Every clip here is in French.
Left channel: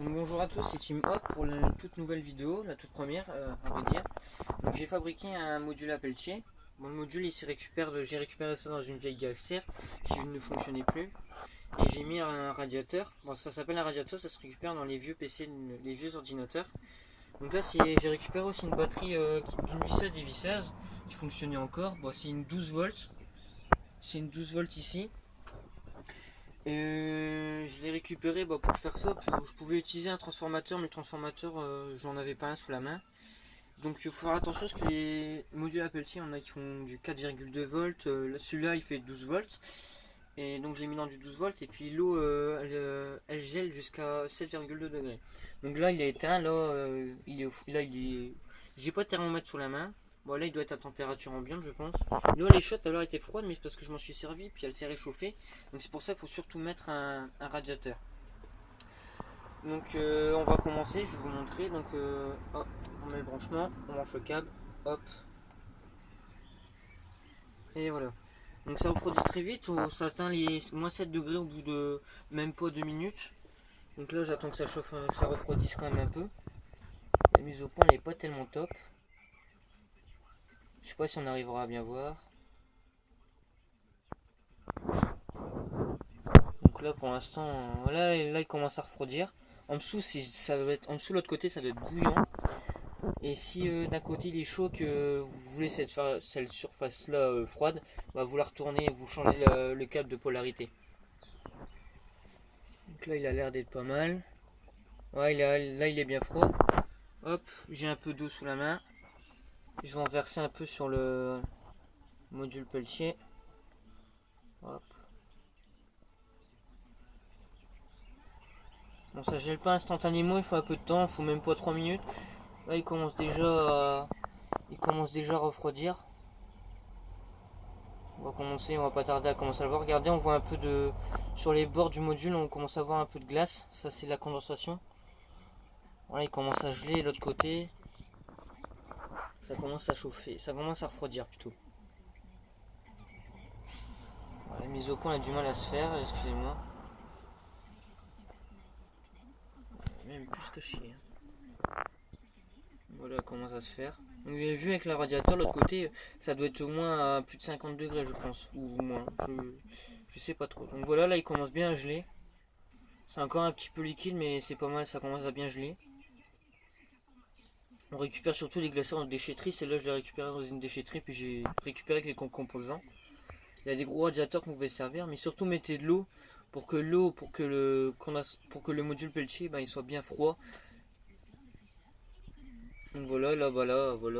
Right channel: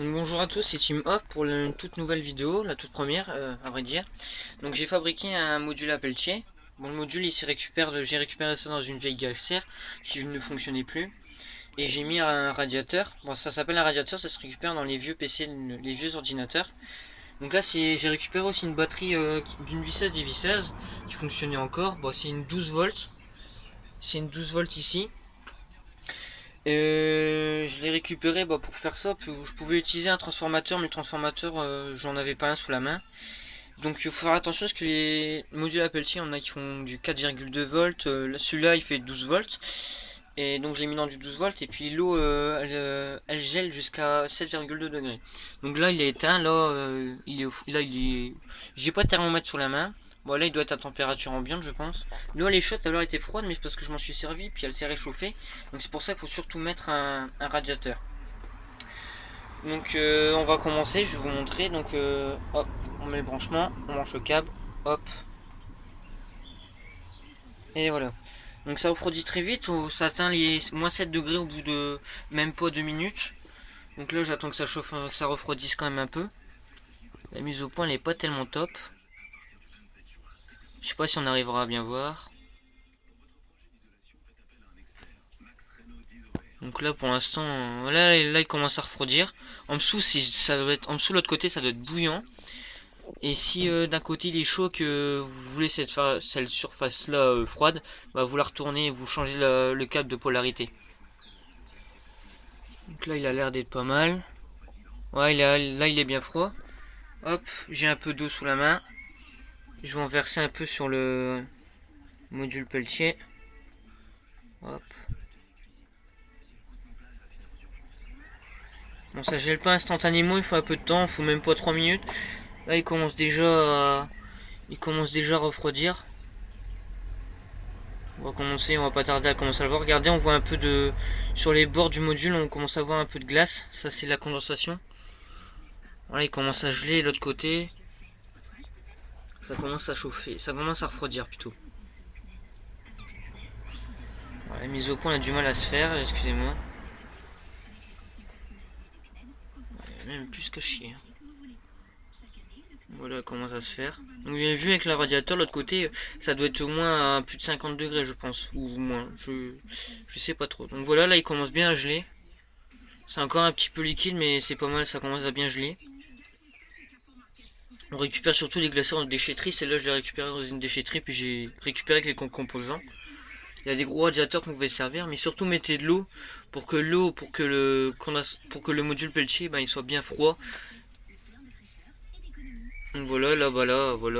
Donc bonjour à tous, c'est Team Off pour une toute nouvelle vidéo, la toute première à vrai dire. Donc j'ai fabriqué un module à Pelletier. Bon, le module j'ai récupéré ça dans une vieille gaffière qui ne fonctionnait plus. Et j'ai mis un radiateur. Bon, ça s'appelle un radiateur, ça se récupère dans les vieux PC, les vieux ordinateurs. Donc là j'ai récupéré aussi une batterie d'une visseuse dévisseuse qui fonctionnait encore. Bon, c'est une 12 volts. C'est une 12 volts ici. Je l'ai récupéré pour faire ça. Je pouvais utiliser un transformateur, mais le transformateur, j'en avais pas un sous la main. Donc il faut faire attention parce que les modules Apple-T, on a qui font du 4,2 volts. Celui-là, il fait 12 volts. Et donc j'ai mis dans du 12 volts. Et puis l'eau, elle gèle jusqu'à 7,2 degrés. Donc là, il est éteint. Là, j'ai pas de thermomètre sous la main. Bon, là, il doit être à température ambiante, je pense. L'eau, elle est chaude, elle était froide, mais c'est parce que je m'en suis servi, puis elle s'est réchauffée. Donc c'est pour ça qu'il faut surtout mettre un radiateur. Donc on va commencer, je vais vous montrer. Donc hop, on met le branchement, on branche le câble, hop. Et voilà. Donc ça refroidit très vite, ça atteint les moins 7 degrés au bout de même pas 2 minutes. Donc là j'attends que ça chauffe, que ça refroidisse quand même un peu. La mise au point elle est pas tellement top. Je sais pas si on arrivera à bien voir. Donc là pour l'instant, là il commence à refroidir. En dessous ça doit être, en dessous de l'autre côté ça doit être bouillant. Et si d'un côté il est chaud que vous voulez cette surface là froide, bah, vous la retournez et vous changez le câble de polarité. Donc là il a l'air d'être pas mal. Ouais, là il est bien froid. Hop, j'ai un peu d'eau sous la main. Je vais en verser un peu sur le module Pelletier. Hop. Bon, ça gèle pas instantanément, il faut un peu de temps, il faut même pas 3 minutes. Là il commence déjà à refroidir. On va pas tarder à commencer à le voir. Regardez, on voit un peu de... Sur les bords du module, on commence à voir un peu de glace. Ça, c'est la condensation. Voilà, il commence à geler l'autre côté. Ça commence à chauffer. Ça commence à refroidir plutôt. Voilà, la mise au point a du mal à se faire, excusez-moi. Même plus qu'à chier. Voilà comment ça se faire. Donc vous avez vu avec le radiateur, l'autre côté, ça doit être au moins à plus de 50 degrés, je pense. Ou moins. Je sais pas trop. Donc voilà, là il commence bien à geler. C'est encore un petit peu liquide, mais c'est pas mal, ça commence à bien geler. On récupère surtout les glaciers en déchetterie. Celle-là, je l'ai récupéré dans une déchetterie, puis j'ai récupéré avec les composants. Il y a des gros radiateurs qu'on pouvait servir, mais surtout mettez de l'eau pour que le module Pelletier il soit bien froid. Donc voilà, voilà, on voit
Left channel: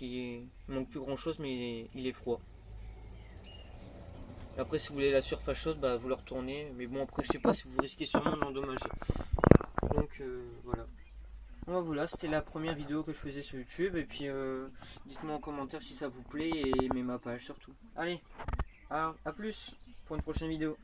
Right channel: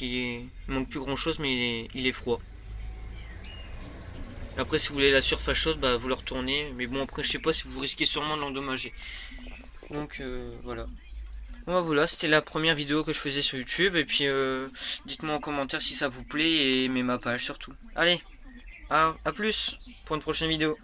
il manque plus grand chose, mais il est froid. Après, si vous voulez la surface chaude, bah, vous le retournez. Mais bon, après, je sais pas si vous risquez sûrement de l'endommager. Donc voilà. Bon, voilà, c'était la première vidéo que je faisais sur YouTube. Et puis, dites-moi en commentaire si ça vous plaît et aimez ma page surtout. Allez, à plus pour une prochaine vidéo.